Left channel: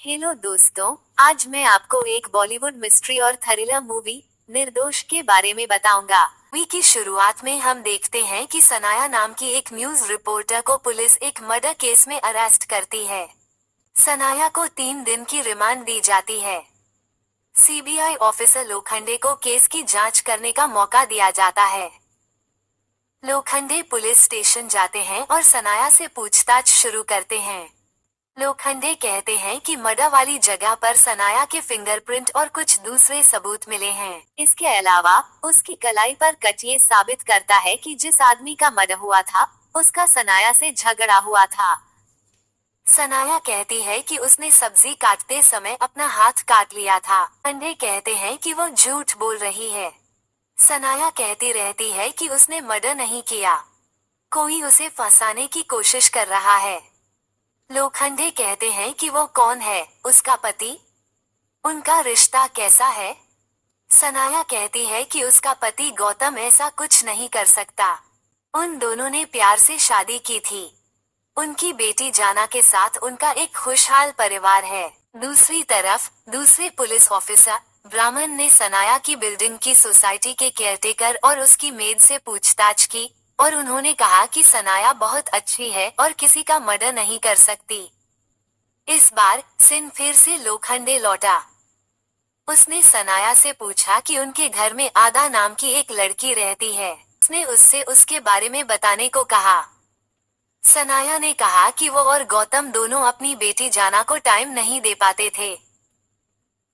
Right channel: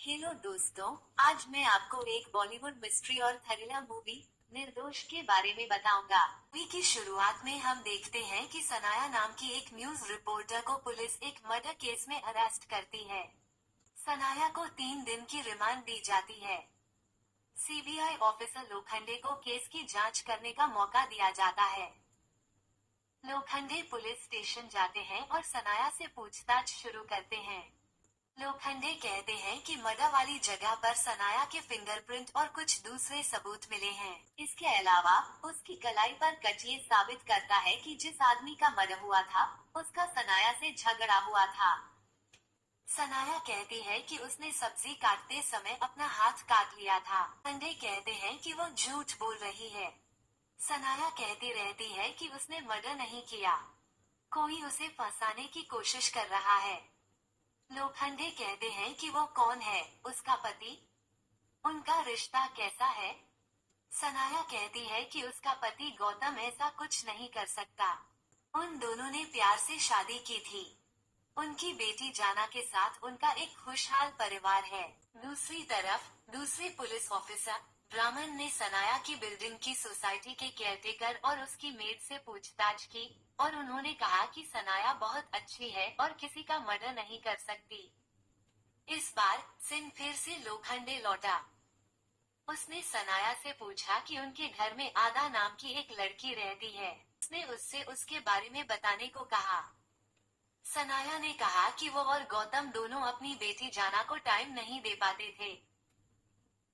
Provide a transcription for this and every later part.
Hello दोस्तों। आज मैं आपको एक बॉलीवुड मिस्ट्री और थ्रिलर मूवी निर्दोष के बारे में बताऊंगा। मूवी की शुरुआत में हम देखते हैं कि सनाया नाम की एक न्यूज रिपोर्टर को पुलिस एक मर्डर केस में अरेस्ट करती है। सनाया को 3 दिन की रिमांड दी जाती है। सीबीआई ऑफिसर लोखंडे को केस की जांच करने का मौका दिया जाता है। लोखंडे पुलिस स्टेशन जाते हैं और सनाया से पूछताछ शुरू करते हैं। लोखंडे कहते हैं कि मर्डर वाली जगह पर सनाया के फिंगरप्रिंट और कुछ दूसरे सबूत मिले हैं। इसके अलावा उसकी कलाई पर कट ये साबित करता है कि जिस आदमी का मर्डर हुआ था उसका सनाया से झगड़ा हुआ था। सनाया कहती है कि उसने सब्जी काटते समय अपना हाथ काट लिया था। लोखंडे कहते हैं कि वो झूठ बोल रही है। सनाया कहती रहती है कि उसने मर्डर नहीं किया, कोई उसे फंसाने की कोशिश कर रहा है। लोखंडे कहते हैं कि वो कौन है, उसका पति, उनका रिश्ता कैसा है। सनाया कहती है कि उसका पति गौतम ऐसा कुछ नहीं कर सकता, उन दोनों ने प्यार से शादी की थी। उनकी बेटी जाना के साथ उनका एक खुशहाल परिवार है। दूसरी तरफ दूसरे पुलिस ऑफिसर ब्राह्मण ने सनाया की बिल्डिंग की सोसाइटी के केयरटेकर और उसकी मेड से पूछताछ की और उन्होंने कहा कि सनाया बहुत अच्छी है और किसी का मर्डर नहीं कर सकती। इस बार सिन फिर से लोखंडे लौटा। उसने सनाया से पूछा कि उनके घर में आदा नाम की एक लड़की रहती है। उसने उससे उसके बारे में बताने को कहा। सनाया ने कहा कि वो और गौतम दोनों अपनी बेटी जाना को टाइम नहीं दे पाते थे।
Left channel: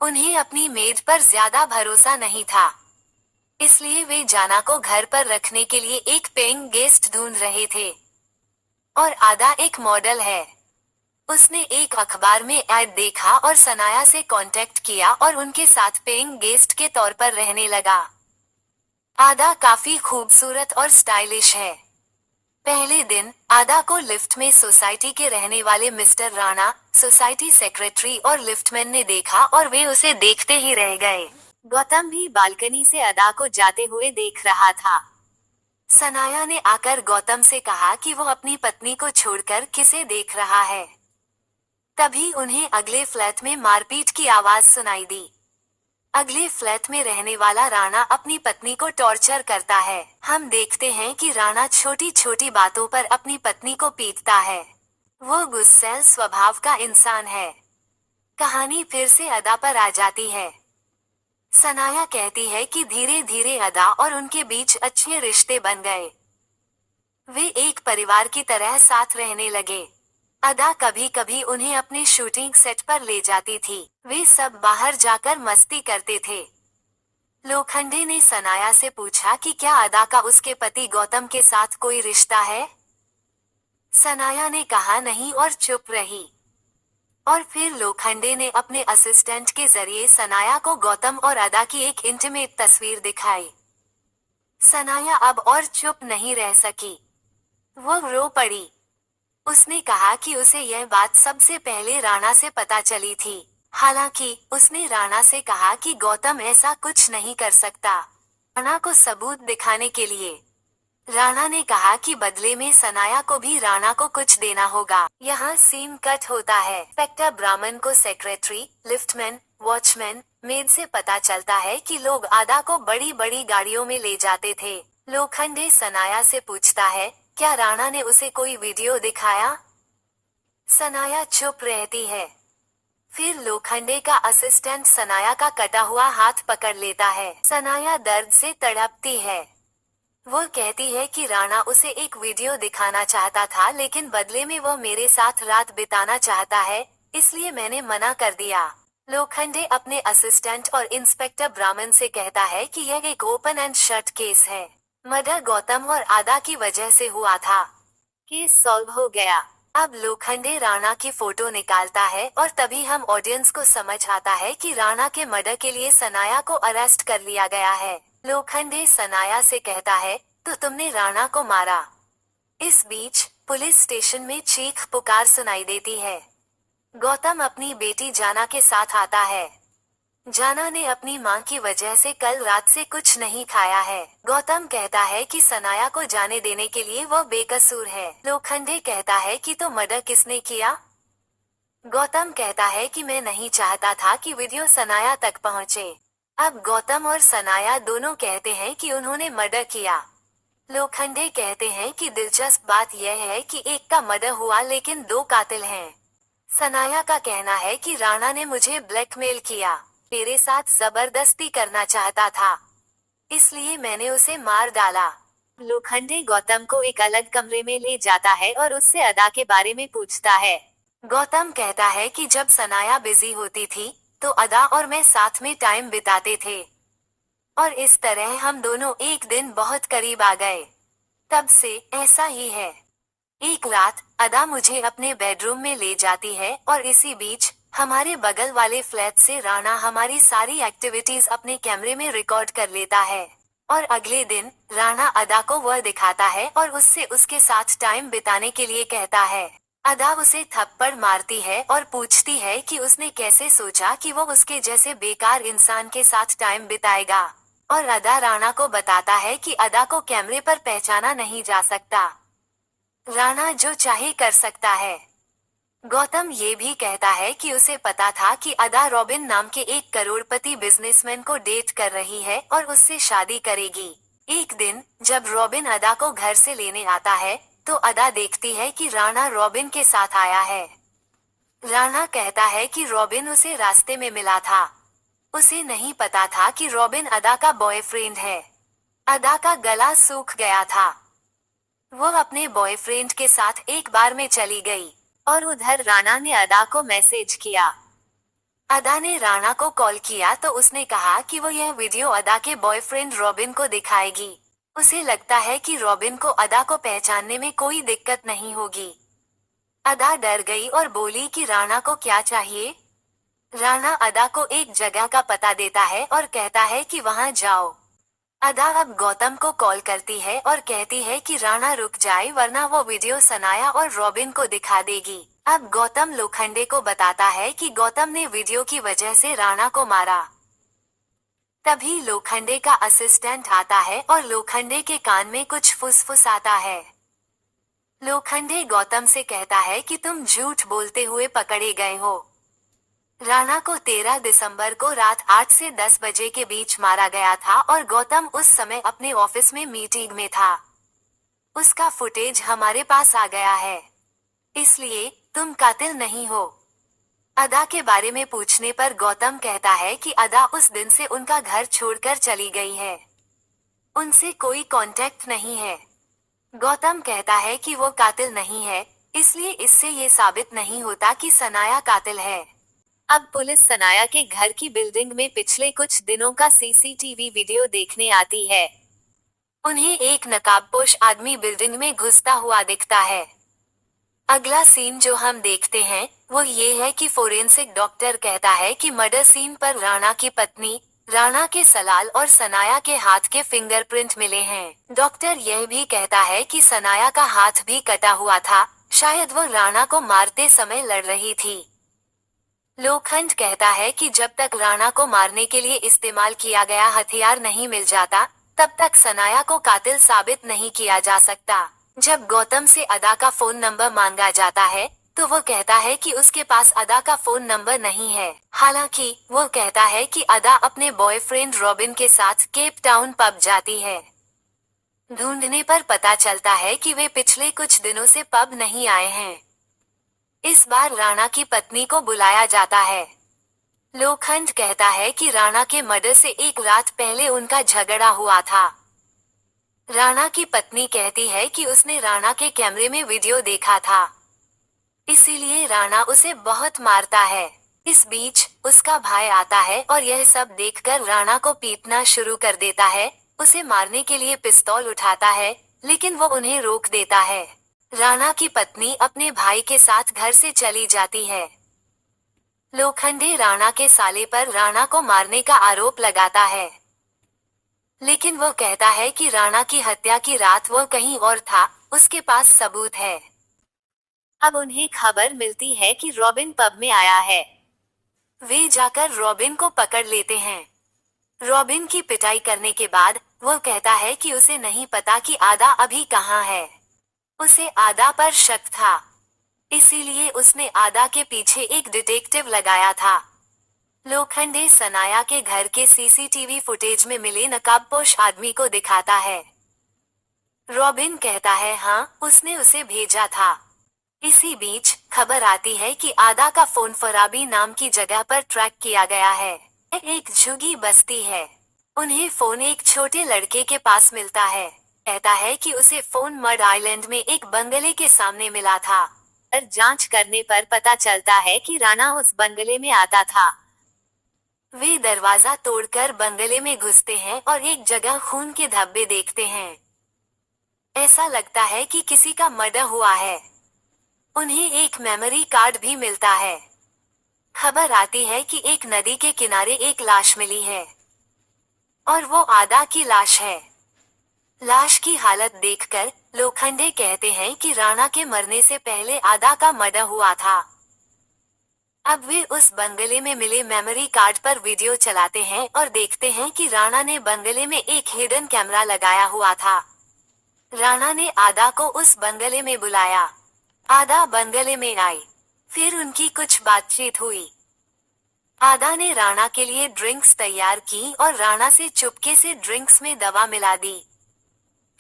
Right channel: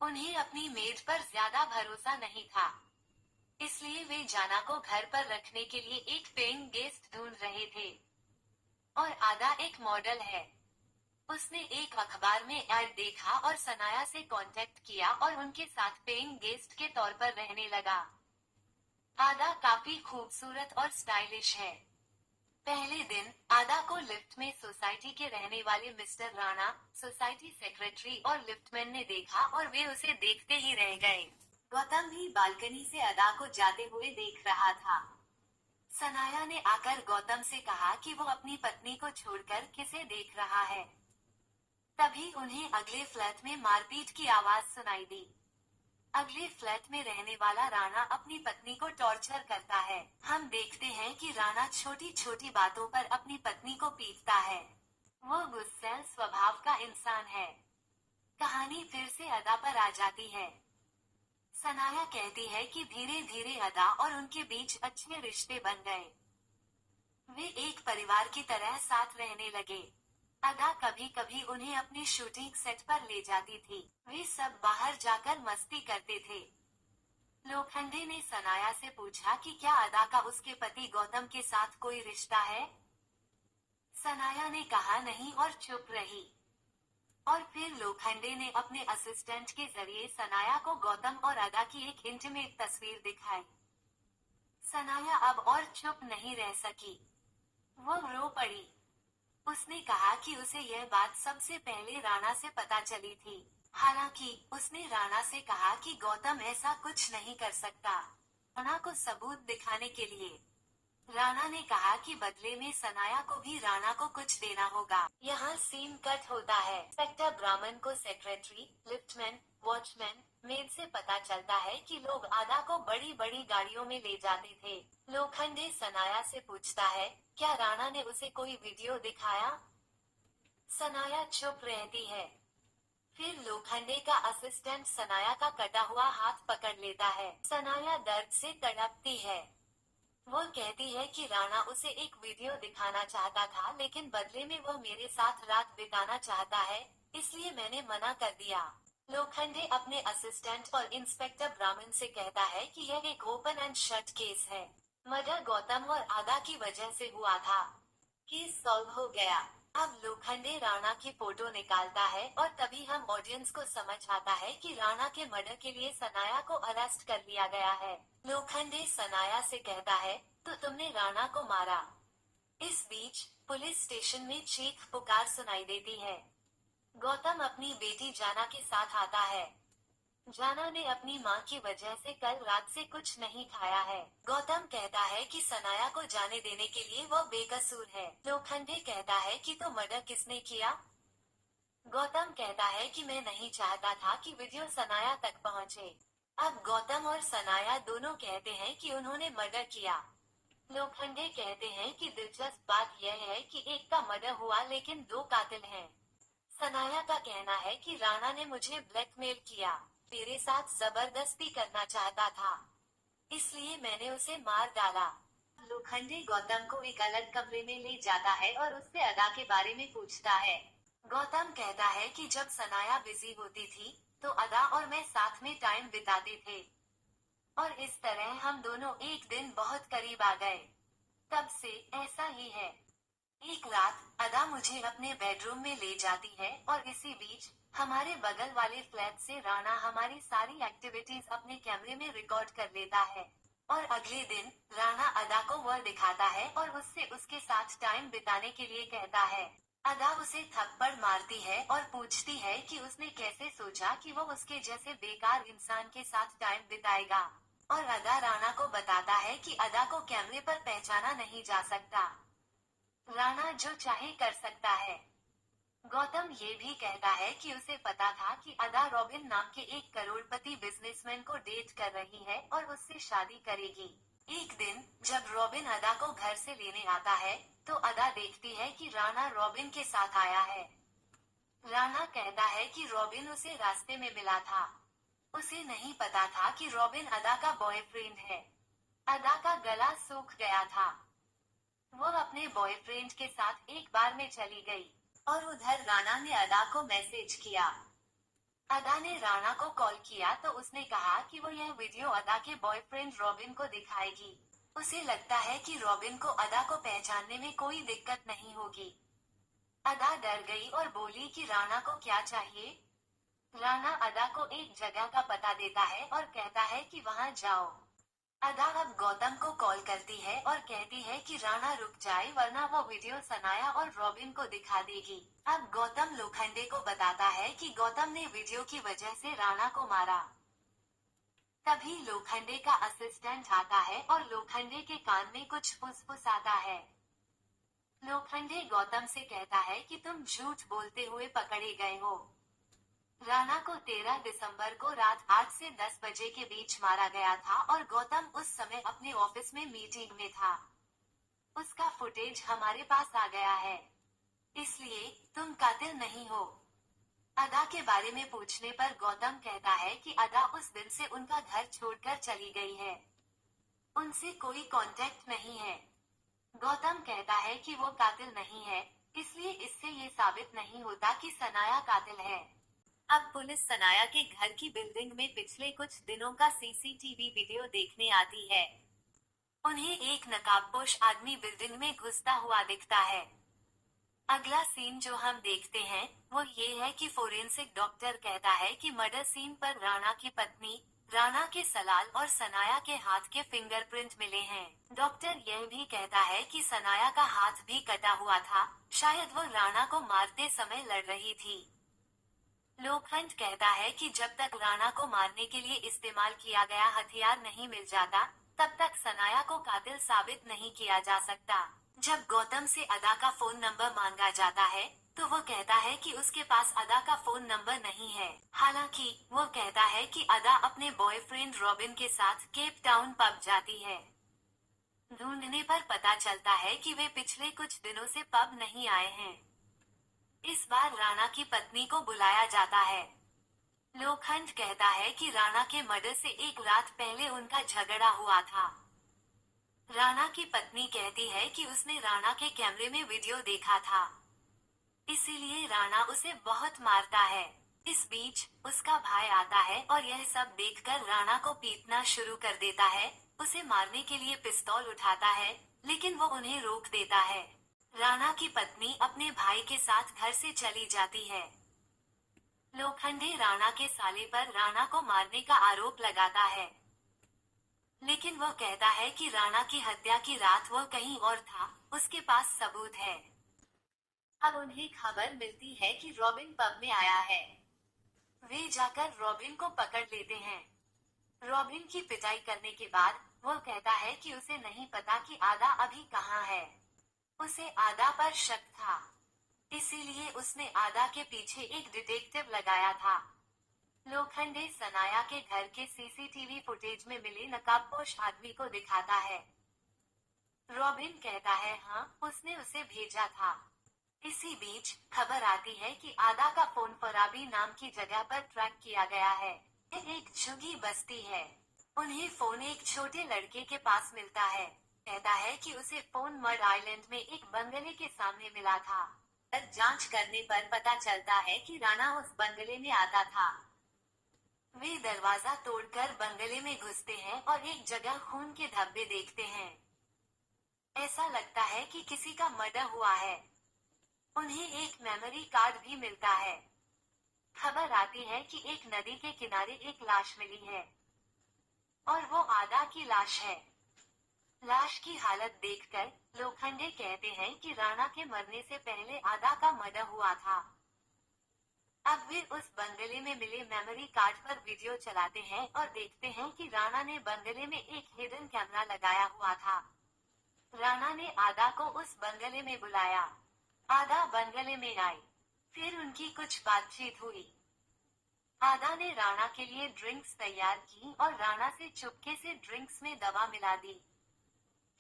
उन्हें अपनी मेड पर ज्यादा भरोसा नहीं था, इसलिए वे जाना को घर पर रखने के लिए एक पेइंग गेस्ट ढूंढ रहे थे। और आदा एक मॉडल है। उसने एक अखबार में ऐड देखा और सनाया से कांटेक्ट किया और उनके साथ पेइंग गेस्ट के तौर पर रहने लगा। आदा काफी खूबसूरत और स्टाइलिश है। पहले दिन आदा को लिफ्ट में सोसाइटी के रहने वाले मिस्टर राणा, सोसाइटी सेक्रेटरी और लिफ्टमैन ने देखा और वे उसे देखते ही रह गए। गौतम भी बालकनी से आदा को जाते हुए देख रहा था। सनाया ने आकर गौतम से कहा कि वो अपनी पत्नी को छोड़कर किसे देख रहा है। तभी उन्हें अगले फ्लैट में मारपीट की आवाज सुनाई दी। अगले फ्लैट में रहने वाला राणा अपनी पत्नी को टॉर्चर करता है। हम देखते हैं कि राणा छोटी छोटी बातों पर अपनी पत्नी को पीटता है। वो गुस्सैल स्वभाव का इंसान है। कहानी फिर से अदा पर आ जाती है। सनाया कहती है कि धीरे धीरे अदा और उनके बीच अच्छे रिश्ते बन गए। वे एक परिवार की तरह साथ रहने लगे। अदा कभी कभी उन्हें अपने शूटिंग सेट पर ले जाती थी। वे सब बाहर जाकर मस्ती करते थे। लोखंडे ने सनाया से पूछा कि क्या अदा का उसके पति गौतम के साथ कोई रिश्ता है। सनाया ने कहा नहीं और चुप रही। और फिर लोखंडे ने अपने असिस्टेंट के जरिए सनाया को गौतम और अदा की एक इंटीमेट तस्वीर दिखाई। सनाया अब और चुप नहीं रह सकी। वो रो पड़ी। उसने कहा कि उसे यह बात सबसे पहले राणा से पता चली थी। हालांकि उसने राणा से कहा कि गौतम ऐसा कुछ नहीं कर सकता। राणा को सबूत दिखाने के लिए राणा ने कहा कि बदले में सनाया को भी राणा को कुछ देना होगा। यहाँ सीन कट होता है। इंस्पेक्टर ब्राह्मण को सेक्रेटरी, लिफ्टमैन, वॉचमैन, मेड से पता चलता है कि लोग आदा को बड़ी बड़ी गाड़ियों में ले जाते थे। लोखंडे सनाया से पूछता है, क्या राणा ने उसे कोई वीडियो दिखाया। सनाया चुप रहती है। फिर लोखंडे का असिस्टेंट सनाया का कटा हुआ हाथ पकड़ लेता है। सनाया दर्द से तड़पती है। वो कहती है कि राणा उसे एक वीडियो दिखाना चाहता था, लेकिन बदले में वो मेरे साथ रात बिताना चाहता है, इसलिए मैंने मना कर दिया। लोखंडे अपने असिस्टेंट और इंस्पेक्टर ब्राह्मण से कहता है कि यह एक ओपन एंड शट केस है। मर्डर गौतम और आदा की वजह से हुआ था। केस सॉल्व हो गया। अब लोखंडे राणा की फोटो निकालता है और तभी हम ऑडियंस को समझ आता है कि राणा के मर्डर के लिए सनाया को अरेस्ट कर लिया गया है। लोखंडे सनाया से कहता है, तो तुमने राणा को मारा। इस बीच पुलिस स्टेशन में चीख पुकार सुनाई देती है। गौतम अपनी बेटी जाना के साथ आता है। जाना ने अपनी मां की वजह से कल रात से कुछ नहीं खाया है। गौतम कहता है कि सनाया को जाने देने के लिए वो बेकसूर है। लोखंडे कहता है कि तो मर्डर किसने किया। गौतम कहता है कि मैं नहीं चाहता था कि वीडियो सनाया तक पहुंचे। अब गौतम और सनाया दोनों कहते हैं कि उन्होंने मर्डर किया। लोखंडे कहते हैं कि दिलचस्प बात यह है कि एक का मर्डर हुआ लेकिन दो कातिल हैं। सनाया का कहना है कि राणा ने मुझे ब्लैकमेल किया, मेरे साथ जबरदस्ती करना चाहता था, इसलिए मैंने उसे मार डाला। लोखंडे गौतम को एक अलग कमरे में ले जाता है और उससे अदा के बारे में पूछता है। गौतम कहता है कि जब सनाया बिजी होती थी, तो अदा और मैं साथ में टाइम बिताते थे। और इस तरह हम दोनों एक दिन बहुत करीब आ गए। तब से ऐसा ही है। एक रात अदा मुझे अपने बेडरूम में ले जाती है और इसी बीच हमारे बगल वाले फ्लैट से राणा हमारी सारी एक्टिविटीज अपने कैमरे में रिकॉर्ड कर लेता है। और अगले दिन राणा अदा को वह दिखाता है और उससे उसके साथ टाइम बिताने के लिए कहता है। अदा उसे थप्पड़ मारती है और पूछती है कि उसने कैसे सोचा कि वो उसके जैसे बेकार इंसान के साथ टाइम बिताएगा। और अदा राणा को बताता है कि अदा को कैमरे पर पहचाना नहीं जा सकता, राणा जो चाहे कर सकता है। गौतम ये भी कहता है कि उसे पता था कि अदा रॉबिन नाम के एक करोड़पति बिजनेसमैन को डेट कर रही है और उससे शादी करेगी। एक दिन जब रॉबिन अदा को घर से लेने आता है, तो अदा देखती है कि राणा रॉबिन के साथ आया है। राणा कहता है कि रॉबिन उसे रास्ते में मिला था। उसे नहीं पता था कि रॉबिन अदा का बॉयफ्रेंड है। अदा का गला सूख गया था। वो अपने बॉयफ्रेंड के साथ एक बार में चली गई। और उधर राणा ने अदा को मैसेज किया। अदा ने राणा को कॉल किया तो उसने कहा कि वो यह वीडियो अदा के बॉयफ्रेंड रॉबिन को दिखाएगी। उसे लगता है कि रॉबिन को अदा को पहचानने में कोई दिक्कत नहीं होगी। अदा डर गई और बोली कि राणा को क्या चाहिए। राणा अदा को एक जगह का पता देता है और कहता है कि वहां जाओ। अदा अब गौतम को कॉल करती है और कहती है कि राणा रुक जाए वरना वो वीडियो सनाया और रॉबिन को दिखा देगी। अब गौतम लोखंडे को बताता है कि गौतम ने वीडियो की वजह से राणा को मारा। तभी लोखंडे का असिस्टेंट आता है और लोखंडे के कान में कुछ फुसफुसाता है। लोखंडे गौतम से कहता है कि तुम झूठ बोलते हुए पकड़े गए हो। राणा को 13 दिसंबर को रात 8 से 10 बजे के बीच मारा गया था और गौतम उस समय अपने ऑफिस में मीटिंग में था। उसका फुटेज हमारे पास आ गया है, इसलिए तुम कातिल नहीं हो। अदा के बारे में पूछने पर गौतम कहता है कि अदा उस दिन से उनका घर छोड़कर चली गई है, उनसे कोई कांटेक्ट नहीं है। गौतम कहता है कि वो कातिल नहीं है, इसलिए इससे ये साबित नहीं होता कि सनाया कातिल है। अब पुलिस सनाया के घर की बिल्डिंग में पिछले कुछ दिनों का सीसीटीवी वीडियो देखने आती है। उन्हें एक नकाबपोश आदमी बिल्डिंग में घुसता हुआ दिखता है। अगला सीन जो हम देखते हैं वो ये है कि फोरेंसिक डॉक्टर कहता है कि मर्डर सीन पर राणा की पत्नी, राणा के सलाल और सनाया के हाथ के फिंगरप्रिंट मिले हैं। डॉक्टर यह भी कहता है कि सनाया का हाथ भी कटा हुआ था, शायद वो राणा को मारते समय लड़ रही थी। लोखंड कहता है कि जब तक राणा को मारने के लिए इस्तेमाल किया गया हथियार नहीं मिल जाता, तब तक सनाया को कातिल साबित नहीं किया जा सकता। जब गौतम से अदा का फोन नंबर मांगा जाता है, तो वो कहता है कि उसके पास अदा का फोन नंबर नहीं है। हालांकि वो कहता है कि अदा अपने बॉयफ्रेंड रॉबिन के साथ केप टाउन पब जाती है। ढूंढने पर पता चलता है कि वे पिछले कुछ दिनों से पब नहीं आए हैं। इस बार राणा की पत्नी को बुलाया जाता है। लोखंड कहता है कि राणा के मर्डर से एक रात पहले उनका झगड़ा हुआ था। राणा की पत्नी कहती है कि उसने राणा के कैमरे में वीडियो देखा था, इसीलिए राणा उसे बहुत मारता है। इस बीच उसका भाई आता है और यह सब देखकर राणा को पीटना शुरू कर देता है। उसे मारने के लिए पिस्तौल उठाता है, लेकिन वो उन्हें रोक देता है। राणा की पत्नी अपने भाई के साथ घर से चली जाती है। लोखंडे राणा के साले पर राणा को मारने का आरोप लगाता है, लेकिन वो कहता है कि राणा की हत्या की रात वो कहीं और था, उसके पास सबूत है। अब उन्हें खबर मिलती है कि रॉबिन पब में आया है। वे जाकर रॉबिन को पकड़ लेते हैं। रॉबिन की पिटाई करने के बाद वो कहता है कि उसे नहीं पता कि आदा अभी कहाँ है। उसे आदा पर शक था। इसीलिए उसने आदा के पीछे एक डिटेक्टिव लगाया था। लोखंडे सनाया के घर के सीसीटीवी फुटेज में मिले नकाबपोश आदमी को दिखाता है। रॉबिन कहता है हाँ, उसने उसे भेजा था। इसी बीच खबर आती है कि आदा का फोन फराबी नाम की जगह पर ट्रैक किया गया है। एक झुग्गी बस्ती है। उन्हें फोन एक छोटे लड़के के पास मिलता है। कहता है कि उसे फोन मड आइलैंड में एक बंगले के सामने मिला था। पर जांच करने पर पता चलता है कि राणा उस बंगले में आता था। वे दरवाजा तोड़कर बंगले में घुसते हैं और एक जगह खून के धब्बे देखते हैं। ऐसा लगता है कि किसी का मर्डर हुआ है। उन्हें एक मेमोरी कार्ड भी मिलता है। खबर आती है कि एक नदी के किनारे एक लाश मिली है और वो आदा की लाश है। लाश की हालत देखकर लोखंडे कहते हैं कि राणा के मरने से पहले आदा का मर्डर हुआ था। अब वे उस बंगले में मिले मेमोरी कार्ड पर वीडियो चलाते हैं और देखते हैं कि राणा ने बंगले में एक हिडन कैमरा लगाया हुआ था। राणा ने आदा को उस बंगले में बुलाया। आदा बंगले में आई। फिर उनकी कुछ बातचीत हुई। आदा ने राणा के लिए ड्रिंक्स तैयार की और राणा से चुपके से ड्रिंक्स में दवा मिला दी।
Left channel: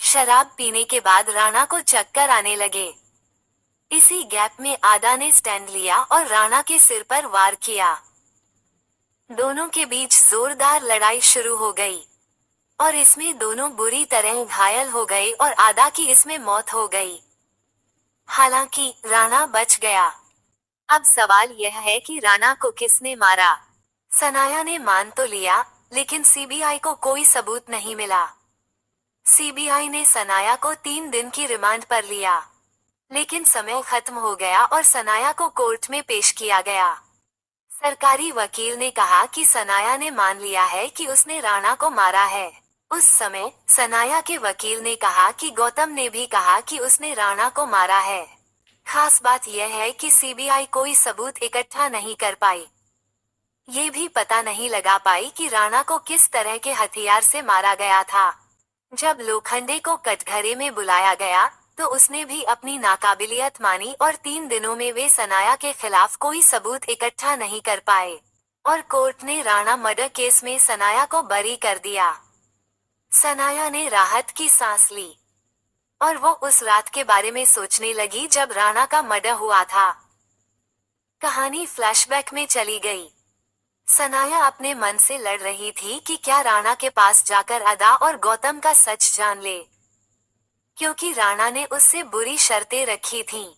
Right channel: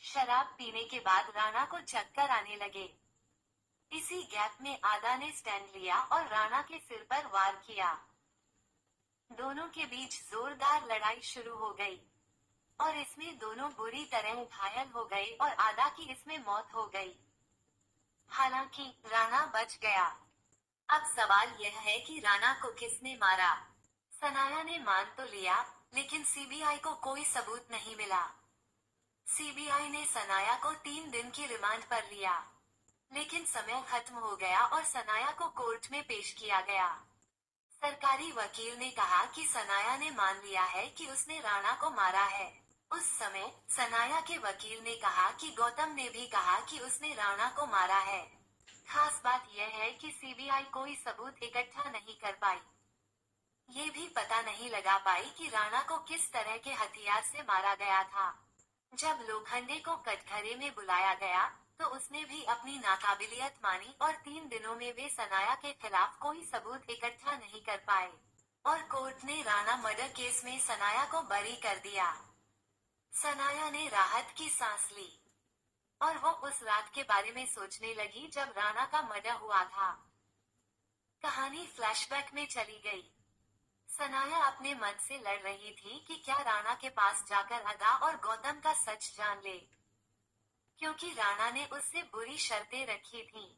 शराब पीने के बाद राणा को चक्कर आने लगे। इसी गैप में आदा ने स्टैंड लिया और राणा के सिर पर वार किया। दोनों के बीच जोरदार लड़ाई शुरू हो गई और इसमें दोनों बुरी तरह घायल हो गए और आदा की इसमें मौत हो गई। हालांकि राणा बच गया। अब सवाल यह है कि राणा को किसने मारा। सनाया ने मान तो लिया, लेकिन सीबीआई को कोई सबूत नहीं मिला। सीबीआई ने सनाया को 3 दिन की रिमांड पर लिया, लेकिन समय खत्म हो गया और सनाया को कोर्ट में पेश किया गया। सरकारी वकील ने कहा कि सनाया ने मान लिया है कि उसने राणा को मारा है। उस समय सनाया के वकील ने कहा कि गौतम ने भी कहा कि उसने राणा को मारा है। खास बात यह है कि सीबीआई कोई सबूत इकट्ठा नहीं कर पाई। ये भी पता नहीं लगा पाई कि राणा को किस तरह के हथियार से मारा गया था। जब लोखंडे को कटघरे में बुलाया गया, तो उसने भी अपनी नाकाबिलियत मानी और 3 दिनों में वे सनाया के खिलाफ कोई सबूत इकट्ठा नहीं कर पाए और कोर्ट ने राणा मर्डर केस में सनाया को बरी कर दिया। सनाया ने राहत की सांस ली और वो उस रात के बारे में सोचने लगी जब राणा का मर्डर हुआ था। कहानी फ्लैशबैक में चली गई। सनाया अपने मन से लड़ रही थी कि क्या राणा के पास जाकर अदा और गौतम का सच जान ले, क्योंकि राणा ने उससे बुरी शर्तें रखी थीं।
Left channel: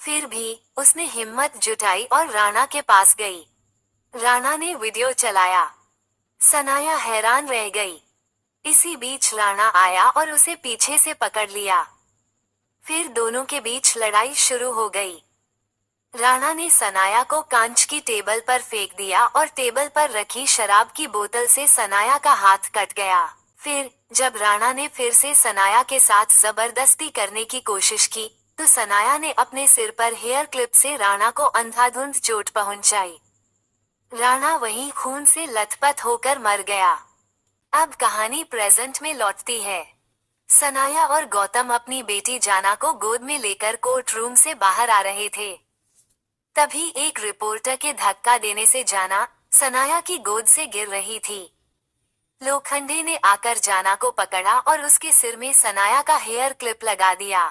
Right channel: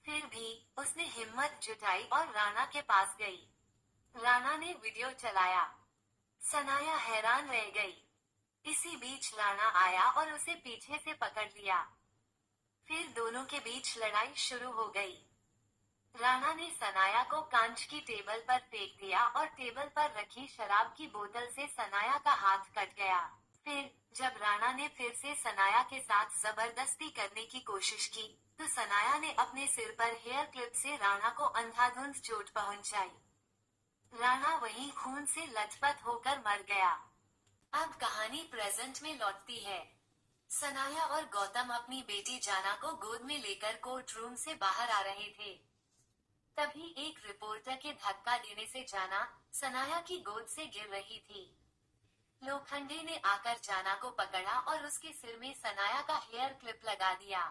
फिर भी उसने हिम्मत जुटाई और राणा के पास गई। राणा ने वीडियो चलाया। सनाया हैरान रह गई। इसी बीच राणा आया और उसे पीछे से पकड़ लिया। फिर दोनों के बीच लड़ाई शुरू हो गई। राणा ने सनाया को कांच की टेबल पर फेंक दिया और टेबल पर रखी शराब की बोतल से सनाया का हाथ कट गया। फिर जब राणा ने फिर से सनाया के साथ जबरदस्ती करने की कोशिश की, तो सनाया ने अपने सिर पर हेयर क्लिप से राणा को अंधाधुंध चोट पहुंचाई। राणा वहीं खून से लथपथ होकर मर गया। अब कहानी प्रेजेंट में लौटती है। सनाया और गौतम अपनी बेटी जाना को गोद में लेकर कोर्ट रूम से बाहर आ रहे थे। तभी एक रिपोर्टर के धक्का देने से जाना सनाया की गोद से गिर रही थी। लोखंडे ने आकर जाना को पकड़ा और उसके सिर में सनाया का हेयर क्लिप लगा दिया।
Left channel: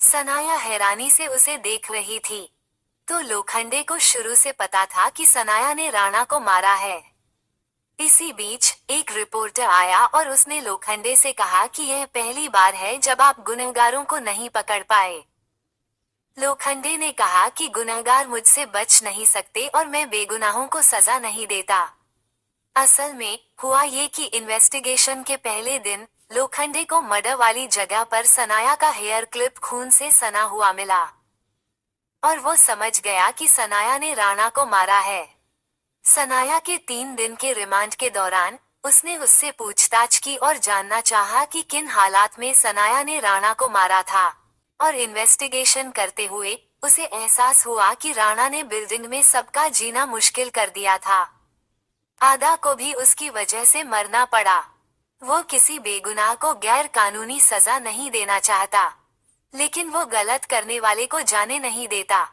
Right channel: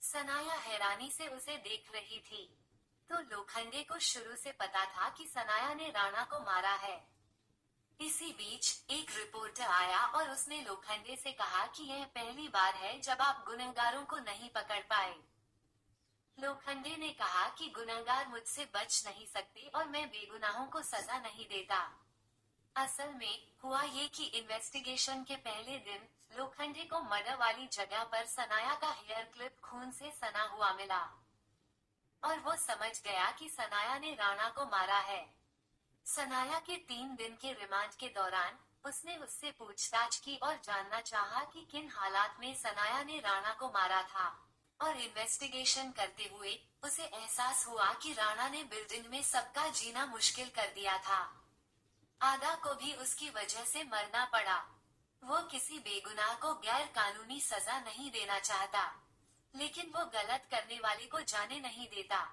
सनाया हैरानी से उसे देख रही थी। तो लोखंडे को शुरू से पता था कि सनाया ने राणा को मारा है। इसी बीच एक रिपोर्टर आया और उसने लोखंडे से कहा कि यह पहली बार है जब आप गुनहगारों को नहीं पकड़ पाए। लोखंडे ने कहा कि गुनहगार मुझसे बच नहीं सकते और मैं बेगुनाहों को सजा नहीं देता। असल में हुआ ये कि इन्वेस्टिगेशन के पहले दिन लोखंडे को मर्डर वाली जगह पर सनाया का हेयर क्लिप खून से सना हुआ मिला और वो समझ गया कि सनाया ने राणा को मारा है। सनाया के 3 दिन के रिमांड के दौरान उसने उससे पूछताछ की और जानना चाहा कि किन हालात में सनाया ने राणा को मारा था। और इन्वेस्टिगेशन करते हुए उसे एहसास हुआ कि राणा ने बिल्डिंग में सबका जीना मुश्किल कर दिया था। आदा को भी उसकी वजह से मरना पड़ा। वो किसी बेगुनाह को गैर कानूनी सजा नहीं देना चाहता, लेकिन वो गलत करने वाले को जाने नहीं देता।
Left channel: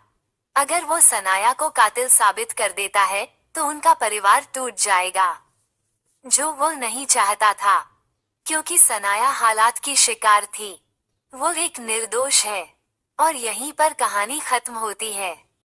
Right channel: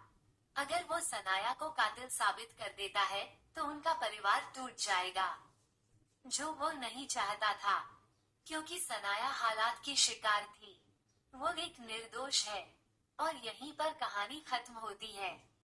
अगर वो सनाया को कातिल साबित कर देता है, तो उनका परिवार टूट जाएगा, जो वो नहीं चाहता था, क्योंकि सनाया हालात की शिकार थी। वो एक निर्दोष है। और यहीं पर कहानी खत्म होती है।